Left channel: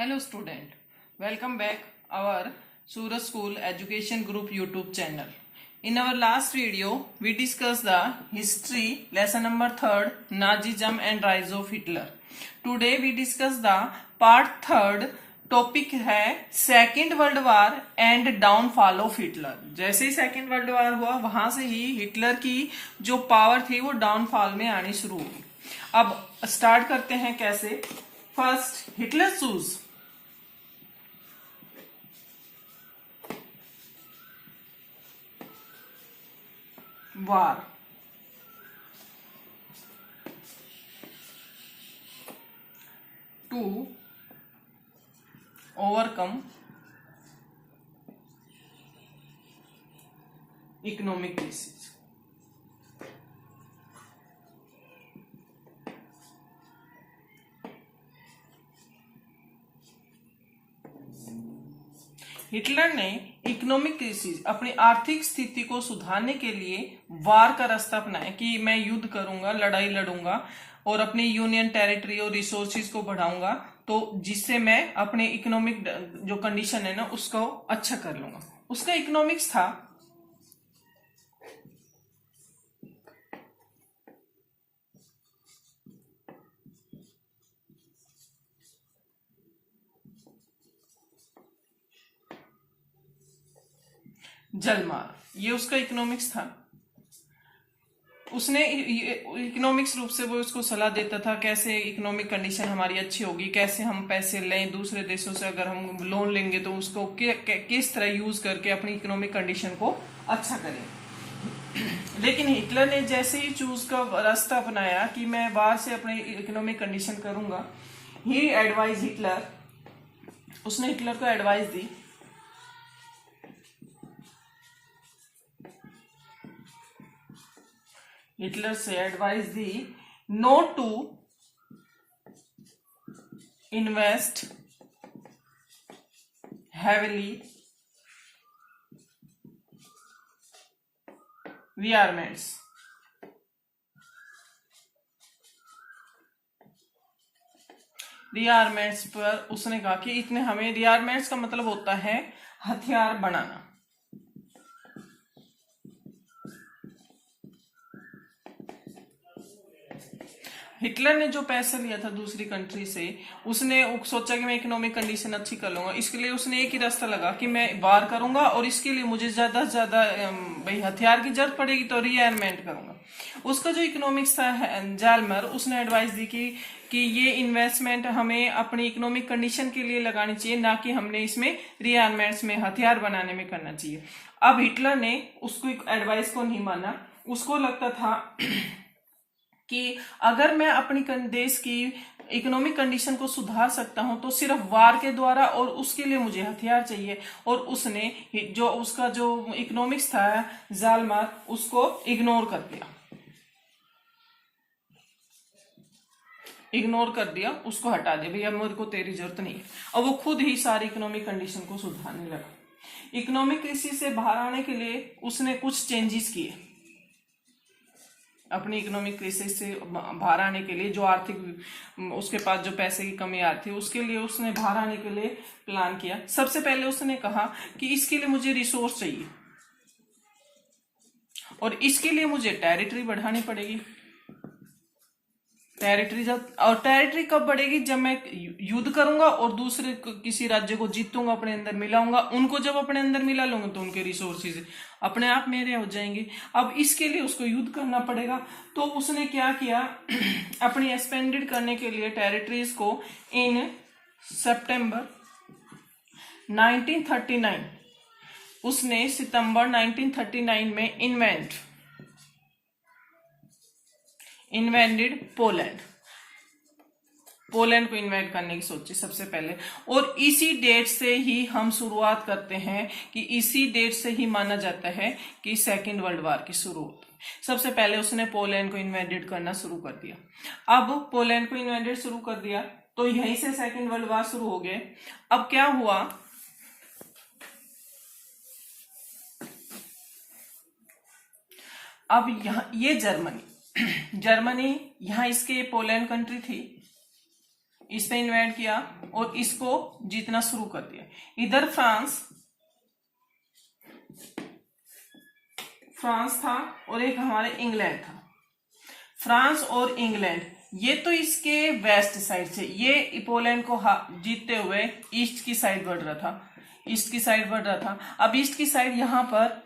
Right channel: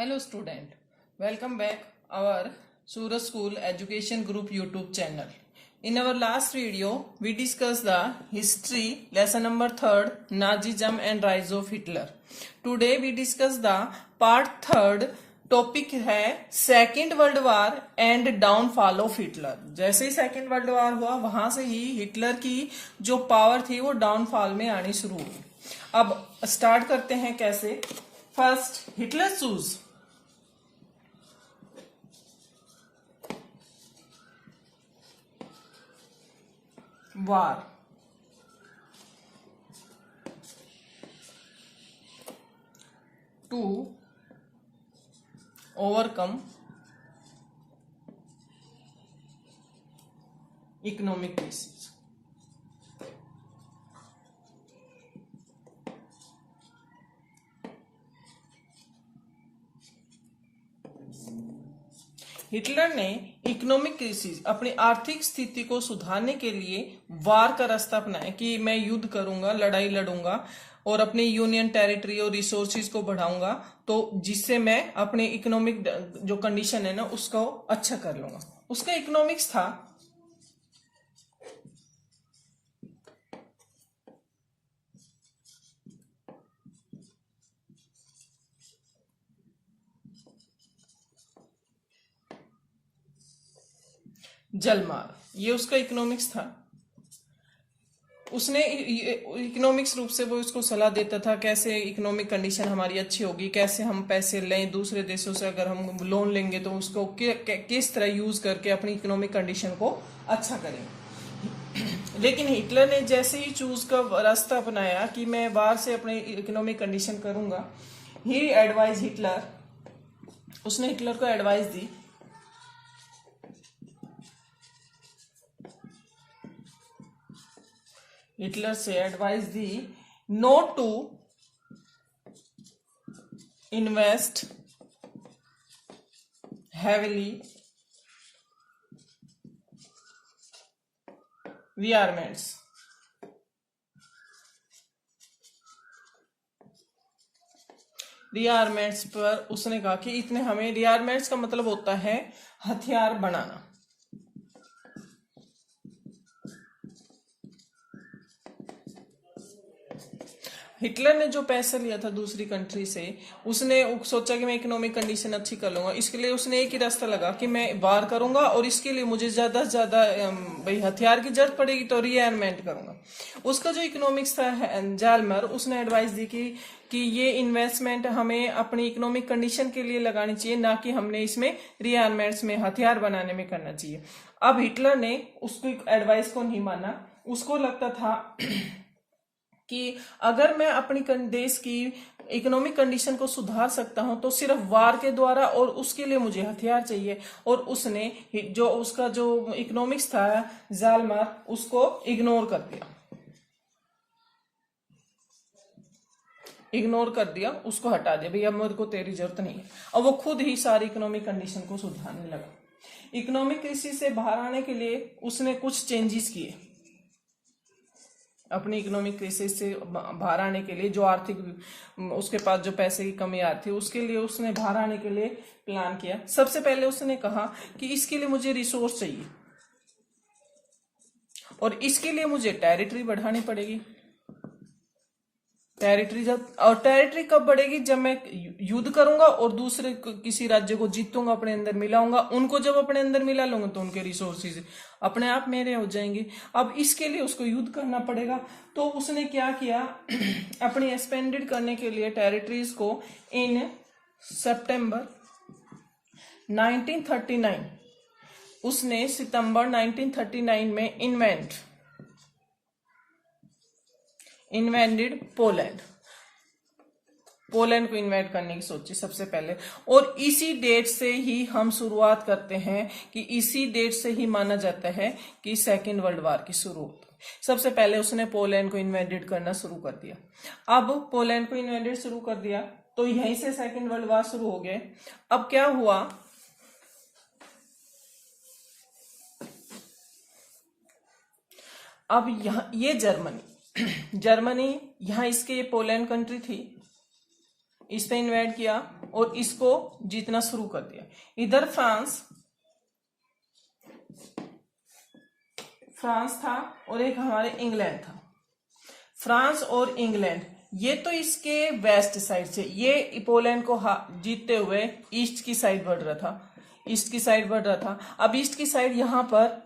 Hello student, welcome back our Suraj School Education Group YouTube channel. In our last video, we discussed the history lesson number 3rd Nazism and rise of Hitler. Today we discuss the part 3rd topic है second world war and downfall of Hitler. जैसे ही second world वार हुआ वहां से ही Hitler की जो power थी वो डाउनफॉल में आनी शुरू हुई। अब स्टार्ट करते हैं कैसे। First, Hitler choose war to overcome economic crisis। Hitler ने इकोनॉमिक क्राइसिस अपनी आर्थिक स्थिति को सुधारने के लिए वार का रास्ता अपनाया कि मैं युद्ध करूंगा, लड़ाई लड़ूंगा और अपनी यूनियन टेरिटरी और रिसोर्सेज को बढ़ाऊंगा, तो जिससे मैं अपने इकोनॉमिक जो कंडीशन है ना उसको अच्छा कर लूंगा। उसका इकोनॉमिक्स था जलमार, ये उसका इकोनॉमिक्स था। उसने इकोनॉमिक्स रूप से वो उसको सलाह देता था कैसे इकोनॉमिक कंडीशन हमारी अच्छी होगी, कैसे हम पैसे लें दूसरे देशों से, अगर हम लोन लेंगे तो उसको किस तरह यूज करके अपनी इकोनॉमिक कंडीशन को अच्छा करें। लेकिन हिटलर ने जैसे ही चूज का रास्ता अपनाया कि मैं वार से अपनी इकोनॉमिक कंडीशन करूंगा, ही एडवाइज हिटलर, उसने हिटलर को एडवाइस दी हिटलर से एडवाइस दी not to invest heavily rearmaments. Rearmaments पर उसने कहा कि इतने हमें, रियारमेंट्स का मतलब होता है हथियार बनाना। हिटलर ने जो पैसे लिया था दूसरी कंट्री से, उसने सोचा कि मैं इकोनॉमिक कंडीशन अच्छी कर लूंगा। इसके लिए उसने एक ही रास्ता लगा कि मैं वार करूंगा और इसके लिए मुझे ज्यादा से ज्यादा भाई हथियार की जरूरत पड़ेगी तो रियारमेंट करूंगा। उसका जो इकोनॉमिक्स था जालमर, उसने एडवाइस दी कि ये इन्वेस्टमेंट हमें अपनी इकोनॉमिक कंडीशन के लिए लगानी चाहिए, ना कि हमने इसमें रियारमेंट्स में हथियार बनाने में करना चाहिए। अब हिटलर ने उसको एडवाइस को नहीं माना। उसको लगता था कि अगर मैं अपनी देश की इकोनॉमिक कंडीशन को सुधार सकता हूं तो सिर्फ वार के द्वारा, और उसके लिए मुझे हथियार चाहिए। और उसने जो उसका जो इकोनॉमिक्स था जालमार, उसको इग्नोर कर दिया, उसको हटा दिया, भैया मेरे को तेरी जरूरत नहीं है। और वो खुद ही सारी इकोनॉमिक कंडीशन को सुधारने लगा। इकोनॉमिक क्राइसिस से बाहर आने के लिए उसने कुछ चेंजेस किए। अपनी इकोनॉमिक क्राइसिस से बाहर आने के लिए, जो आर्थिक उसके पास जो पैसे की कमी आ रही थी, उसके लिए उसने बाहर आने के लिए प्लान किया। सबसे पहले उसने कहा कि इसके लिए मुझे रिसोर्स चाहिए और इसके लिए मुझे टेरिटरी बढ़ानी पड़ेगी। टेरिटरी कब बढ़ेगी? जब मैं युद्ध करूंगा और दूसरे किसी राज्य को जीतूंगा, अपने अंदर मिलाऊंगा। उनको जब अपने अंदर मिला लूंगा तो उनके रिसोर्सेज अपने आप मेरे हो जाएंगे। अब इसके लिए उसको युद्ध करना पड़ेगा। तो उसने क्या किया, अपनी एक्सपेंडेड करने के लिए टेरिटरीज को इन सितंबर 1939, उसने सितंबर 1939 में इन्वेंटेड पोलैंड को इन्वेट करने की सोची सबसे पहले। और इसी डेट से ही हम शुरुआत करते हैं कि इसी डेट से ही माना जाता है कि सेकेंड वर्ल्ड वार की शुरुआत। सबसे पहले उसने पोलैंड को इन्वेडेड करना शुरू कर दिया। अब पोलैंड को इन्वेडेड शुरू कर दिया तो यहीं से सेकेंड वर्ल्ड वार शुरू हो गए। अब क्या हुआ, अब यहाँ ये जर्मनी यहाँ इसके पोलैंड कंट्री थी, इस पे इन्वेड किया और इसको जीतना शुरू कर दिया। इधर फ्रांस था और एक हमारे इंग्लैंड था। फ्रांस और इंग्लैंड ये तो इसके वेस्ट साइड से, ये पोलैंड को जीतते हुए ईस्ट की साइड बढ़ रहा था। अब ईस्ट की साइड यहां पर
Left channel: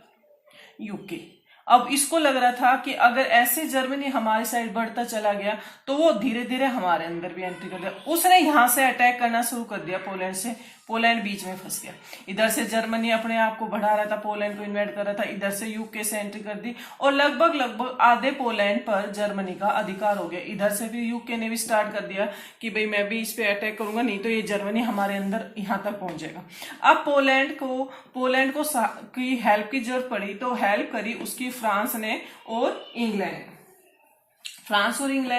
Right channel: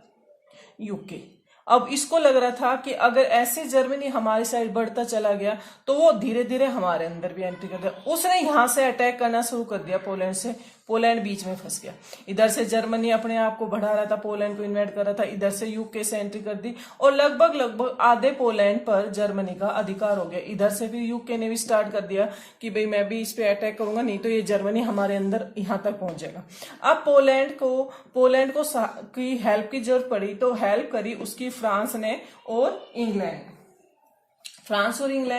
यूके। अब इसको लग रहा था कि अगर ऐसे जर्मनी हमारी साइड बढ़ता चला गया तो वो धीरे धीरे हमारे अंदर भी एंट्री कर दिया। उसने यहां से अटैक करना शुरू कर दिया पोलैंड से। पोलैंड बीच में फंस गया। इधर से जर्मनी अपने आप को बढ़ा रहा था, पोलैंड को इन्वेट कर रहा था, इधर से यूके से एंट्री कर दी और लगभग आधे पोलैंड पर जर्मनी का अधिकार हो गया। इधर से भी यूके ने भी स्टार्ट कर दिया कि भाई मैं भी इस पे अटैक करूंगा, नहीं तो ये जर्मनी हमारे अंदर यहां तक पहुंच जाएगा। अब पोलैंड को की हेल्प की जरूरत पड़ी तो हेल्प करी उसकी फ्रांस ने और इंग्लैंड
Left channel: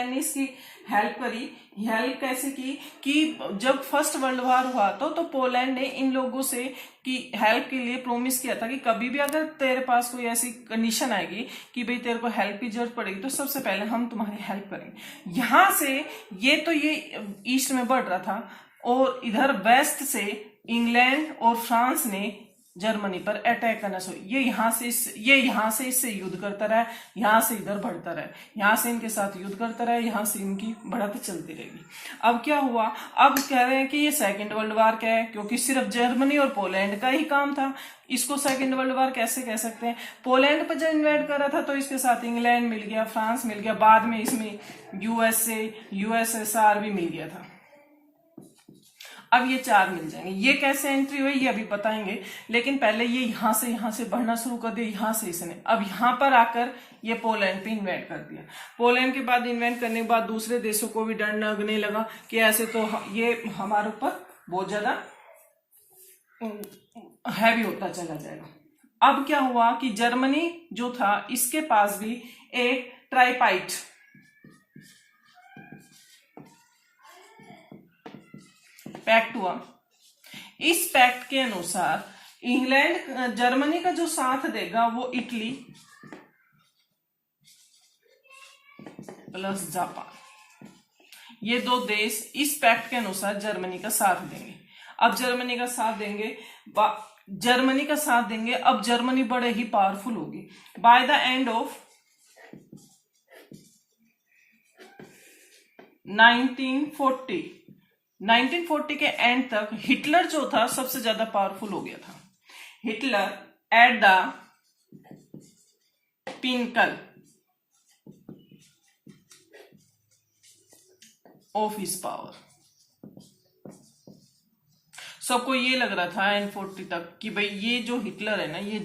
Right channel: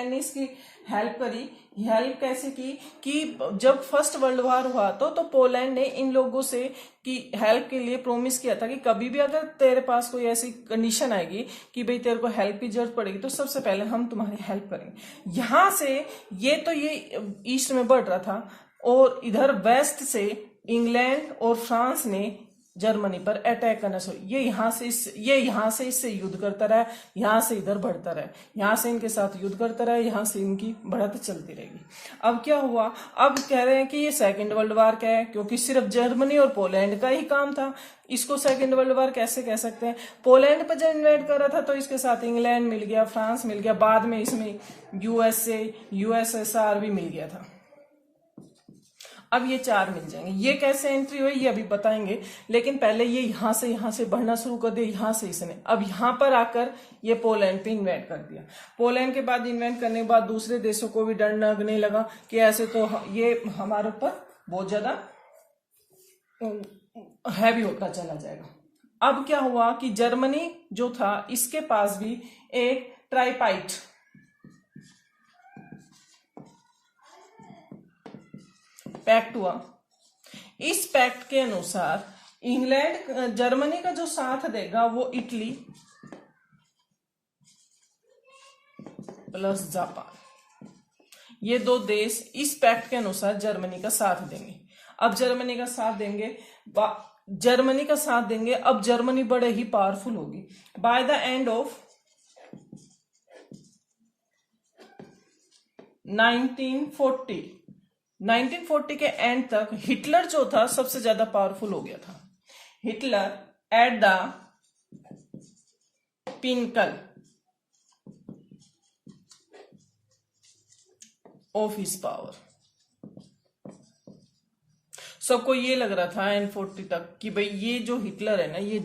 ने इसकी हेल्प करी। हेल्प कैसे की कि जब फर्स्ट वर्ल्ड वॉर हुआ तो पोलैंड ने इन लोगों से की हेल्प के लिए प्रॉमिस किया था कि कभी भी अगर तेरे पास कोई ऐसी कंडीशन आएगी कि भाई तेरे को हेल्प की जरूरत पड़ेगी तो सबसे पहले हम तुम्हारी हेल्प करेंगे। यहां से ये ईस्ट में बढ़ रहा था और इधर वेस्ट से इंग्लैंड और फ्रांस ने जर्मनी पर अटैक करना शुरू। ये यहाँ से इससे युद्ध करता रहा, यहाँ से इधर बढ़ता रहा, यहाँ से इनके साथ युद्ध करता रहा, यहाँ से इनकी बढ़त चलती रहेगी। अब क्या हुआ, अब कह रहे हैं कि ये सेकंड वर्ल्ड वॉर क्या है, क्योंकि सिर्फ जर्मनी और पोलैंड का ही काम था। इसको सेकंड वर्ल्ड वॉर कैसे कह सकते हैं? पोलैंड पर जब इन्वेड कर रहा था तो इसके साथ इंग्लैंड मिल गया, फ्रांस मिल गया, बाद में इसमें यूएसएसआर भी मिल गया था। अब ये 4 मिल जाएंगे। ये कैसे एंट्री हुई ये अभी बताएंगे, लेकिन पहले ये यहां से बढ़ना शुरू कर दिया। यहां से इसने अब यहां पर आकर ये पोलैंड पे इन्वेट कर दिया। पोलैंड के बाद इन्वेट करने के बाद दूसरे देशों को भी डर लगने लगा कि ऐसे तो ये हमारे ऊपर बहुत ज्यादा हैवी होता चला जाएगा। अब क्या हुआ कि जर्मनी जो था इसके पास भी एक ट्राइपाइट पैक्ट हुआ। इस पैक्ट के अनुसार जर्मनी का जो साथ देगा वो इटली प्लस जापान, ये 2 देश इस पैक्ट के अनुसार जर्मनी का साथ देंगे। अब जर्मनी का साथ देंगे अब जर्मनी बड़े ही पावरफुल होगी। बाय द एंड ऑफ 1940 के एंड तक हिटलर जो था सबसे ज्यादा पावरफुल हो गया था। Hitler at the pinnacle of his power. सबको ये लग रहा था एंड 40 तक कि भाई ये जो हिटलर है ना ये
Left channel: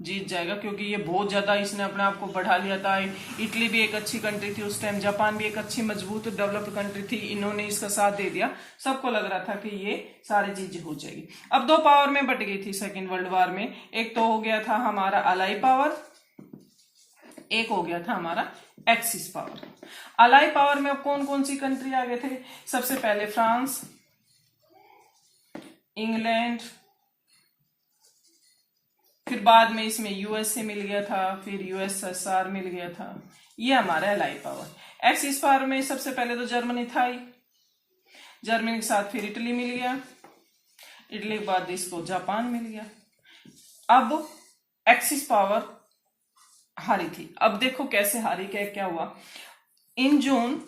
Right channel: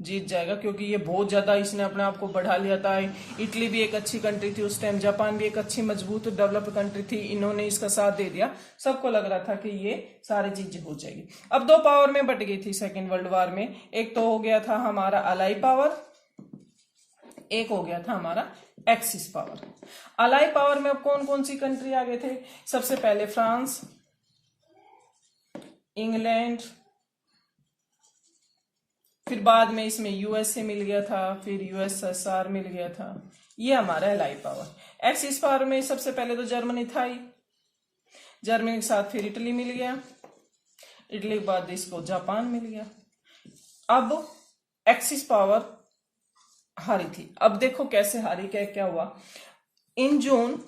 जीत जाएगा क्योंकि ये बहुत ज्यादा इसने अपने आप को बढ़ा लिया था। इटली भी एक अच्छी कंट्री थी उस टाइम, जापान भी एक अच्छी मजबूत डेवलप्ड कंट्री थी, इन्होंने इसका साथ दे दिया। सबको लग रहा था कि ये सारी चीजें हो जाएगी। अब 2 पावर में बट गई थी सेकेंड वर्ल्ड वॉर में। एक तो हो गया था हमारा अलाई पावर, एक हो गया था हमारा एक्सिस पावर। अलाई पावर में अब कौन कौन सी कंट्री आ गए थे? सबसे पहले फ्रांस, इंग्लैंड, फिर बाद में इसमें यूएसए मिल गया था, फिर यूएसएसआर मिल गया था। ये हमारा अलाई पावर। एक्सिस पावर में सबसे पहले तो जर्मनी था ही, जर्मनी के साथ फिर इटली मिल गया, इटली के बाद इसको जापान मिल गया। अब एक्सिस पावर हारी थी। अब देखो कैसे हारी, क्या हुआ। इन जून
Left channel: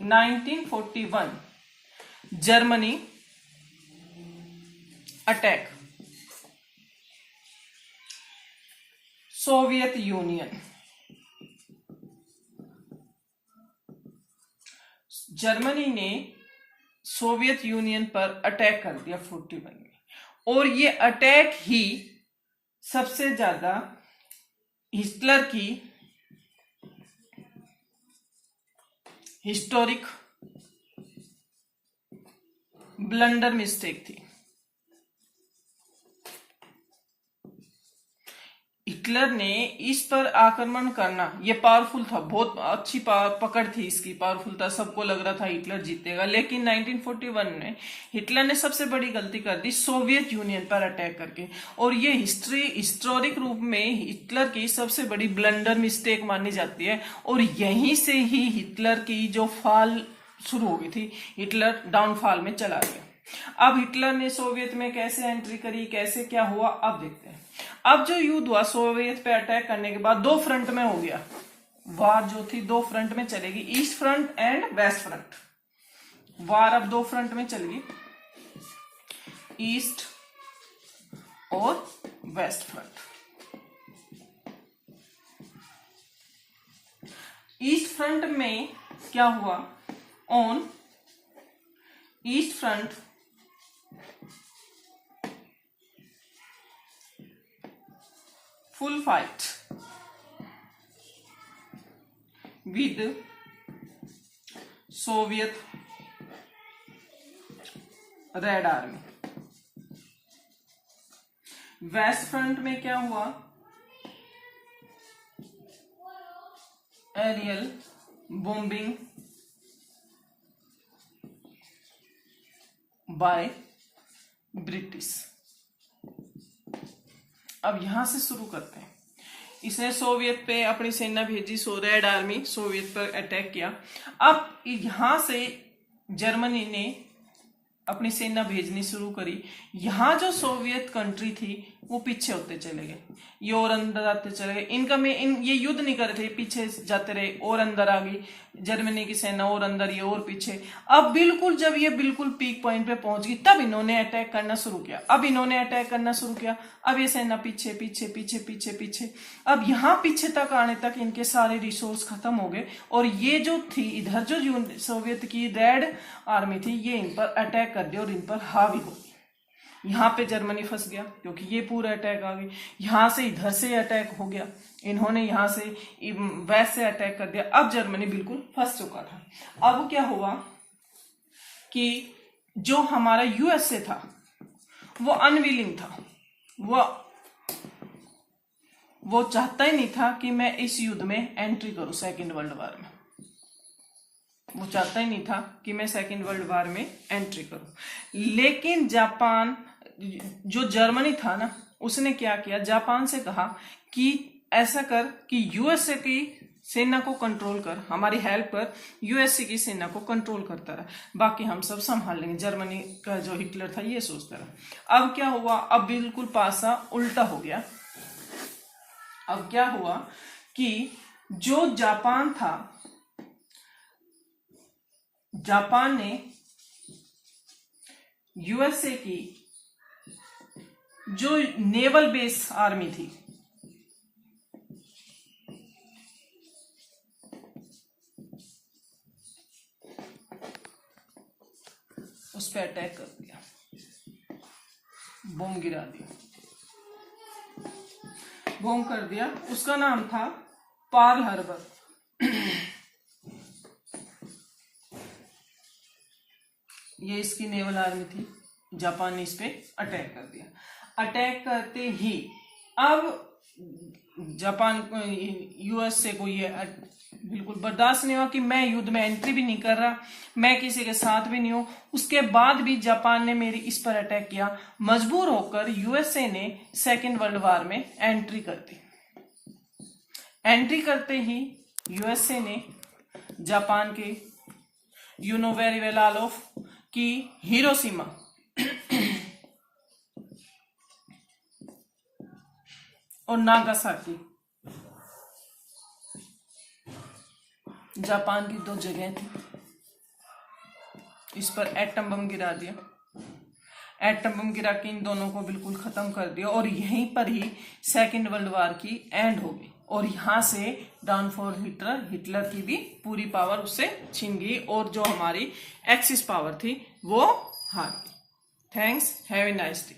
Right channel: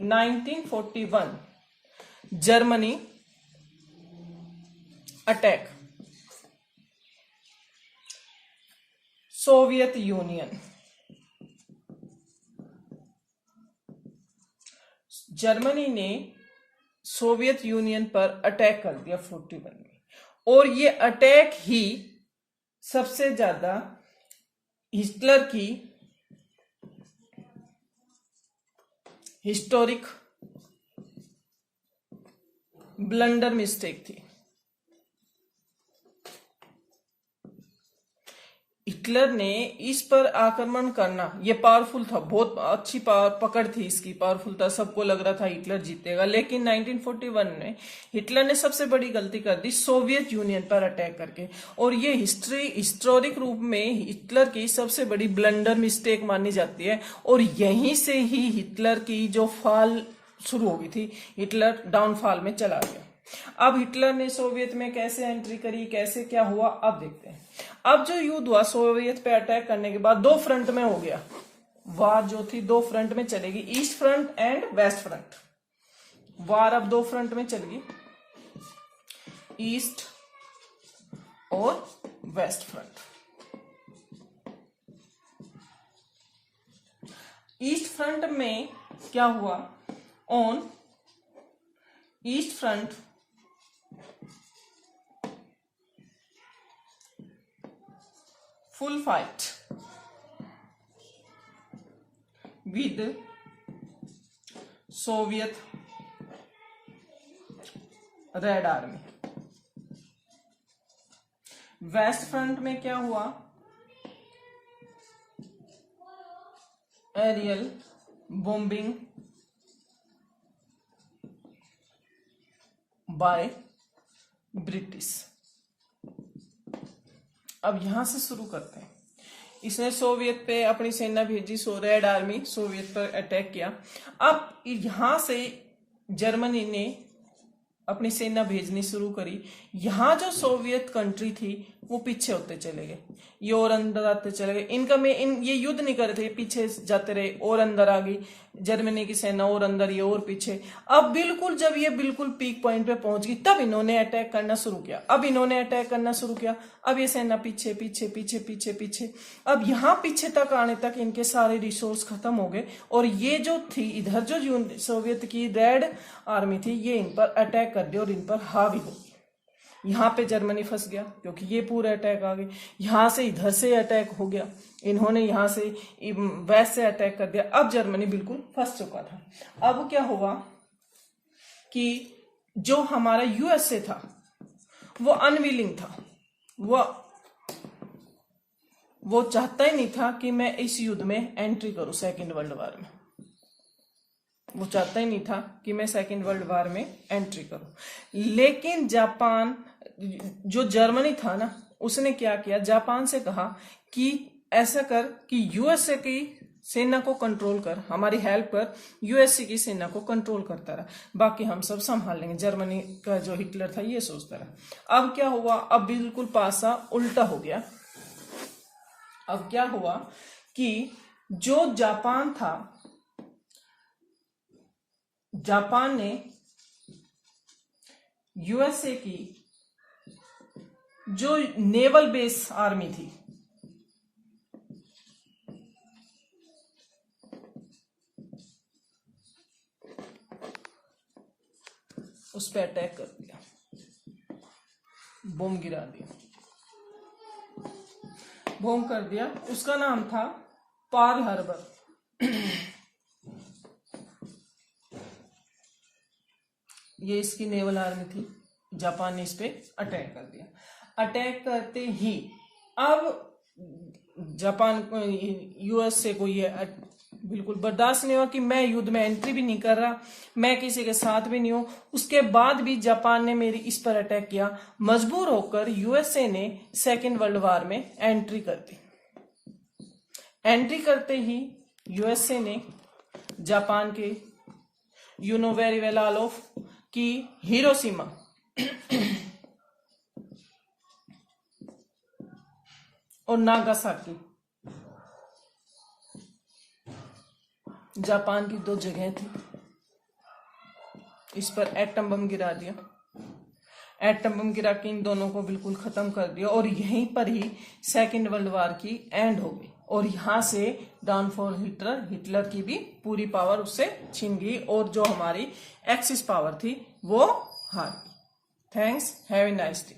1941 Germany attack Soviet union. Germany ने सोवियत यूनियन पर अटैक कर दिया 41 में, और ये अटैक ही सबसे ज्यादा हिटलर की हिस्टोरिक ब्लंडर मिस्टेक थी। हिटलर ने इस पर आक्रमण करना ये पावरफुल था, बहुत अच्छी पकड़ थी इसकी, पावरफुल था, सबको लग रहा था हिटलर जीतेगा। लेकिन 1941 में हिटलर ने सबसे बड़ी गलती कर दी सोवियत यूनियन पर अटैक करके, और ये हिस्टोरिक रूप में हिटलर की सबसे बड़ी ब्लंडर मिस्टेक मानी जाती है। और यहीं से ही हिटलर की जो फॉल शुरू हो गई थी, हिटलर डाउनफॉल में चला गया। अब हिटलर ने सोवियत में कैसे एंट्री करी, कैसे क्या हुआ, अब देखते हैं। अब जो युद्ध हुआ सोवियत पे अटैक करने के बाद, दो फ्रंट में हो गया वार, जो थी दो फ्रंट में चलेगी, east front and west front. War अब दो फ्रंट में चलेगी, ईस्ट और वेस्ट फ्रंट। ईस्ट फ्रंट में क्या हुआ, on east front full fight with Soviet Red Army। West front में क्या हुआ, एरियल बॉम्बिंग बाय ब्रिटिश। अब यहां से शुरू करते हैं। इसने सोवियत पे अपनी सेना भेजी, रेड आर्मी सोवियत पर अटैक किया। अब यहां से जर्मनी ने अपनी सेना भेजनी शुरू करी। यहां जो सोवियत कंट्री थी वो पीछे होते चले गए, ये और अंदर आते चले गए। इनका में ये युद्ध नहीं कर रहे थे, पीछे जाते रहे, और अंदर आ गई जर्मनी की सेना, और अंदर ये और पीछे। अब बिल्कुल जब ये बिल्कुल पीक पॉइंट पे पहुंच गई, तब इन्होंने अटैक करना शुरू किया। अब ये सेना पीछे पीछे पीछे पीछे पीछे। अब यहाँ पीछे तक आने तक इनके सारे रिसोर्स खत्म हो गए, और ये जो थी इधर जो सोवियत की रेड आर्मी थी, ये इन पर अटैक कर दिया और इन पर हावी हो गई। यहाँ पे जर्मनी फंस गया क्योंकि ये पूरा अटैक आ गई। यहां से इधर से अटैक हो गया, इन्होंने यहां से वेस्ट से अटैक कर दिया। अब जर्मनी बिल्कुल फंस चुका था। अब क्या हुआ कि जो हमारा यूएसए था वो अनविलिंग था, वो चाहता ही नहीं था कि मैं इस युद्ध में एंट्री करूं, सेकेंड वर्ल्ड वॉर में। वो चाहता ही नहीं था कि मैं सेकेंड वर्ल्ड वॉर में एंट्री करूं। लेकिन जापान, जो जर्मनी था ना, उसने क्या किया, जापान से कहा कि ऐसा कर कि यूएसए की सेना को कंट्रोल कर, हमारी हेल्प कर, यूएसए की सेना को कंट्रोल करता रहा, बाकी हम सब संभाल लेंगे। जर्मनी का जो हिटलर था ये सोचता रहा। अब क्या हुआ, अब बिल्कुल पासा उल्टा हो गया। अब क्या हुआ कि जो जापान था, जापान ने यूएसए की जो नेवल बेस आर्मी थी, उस पर अटैक कर दिया, बम गिरा दिया, बम कर दिया। उसका नाम था पर्ल हार्बर। ये इसकी नेवल आर्मी थी। जापान ने इस पे अटैक कर दिया। अटैक करते ही अब जापान को, यूएसए को ये बिल्कुल बर्दाश्त नहीं हुआ कि मैं युद्ध में एंट्री भी नहीं कर रहा, मैं किसी के साथ भी नहीं हूं, उसके बाद भी जापान ने मेरी इस पर अटैक किया। मजबूर होकर यूएसए ने सेकेंड वर्ल्ड वॉर में एंट्री कर दी। एंट्री करते ही यूएसए ने जापान के, you know very well all of, की हिरोशिमा और नागासाकी, जापान की दो जगह थी, इस पर एटम बम गिरा दिया। एटम बम गिरा के इन दोनों को बिल्कुल खत्म कर दिया, और यहीं पर ही सेकेंड वर्ल्ड वॉर की एंड हो गई। और यहां से डाउनफॉल हिटलर की भी पूरी पावर उससे छीन गई, और जो हमारी एक्सिस पावर थी वो हार गई। Thanks, have a nice day.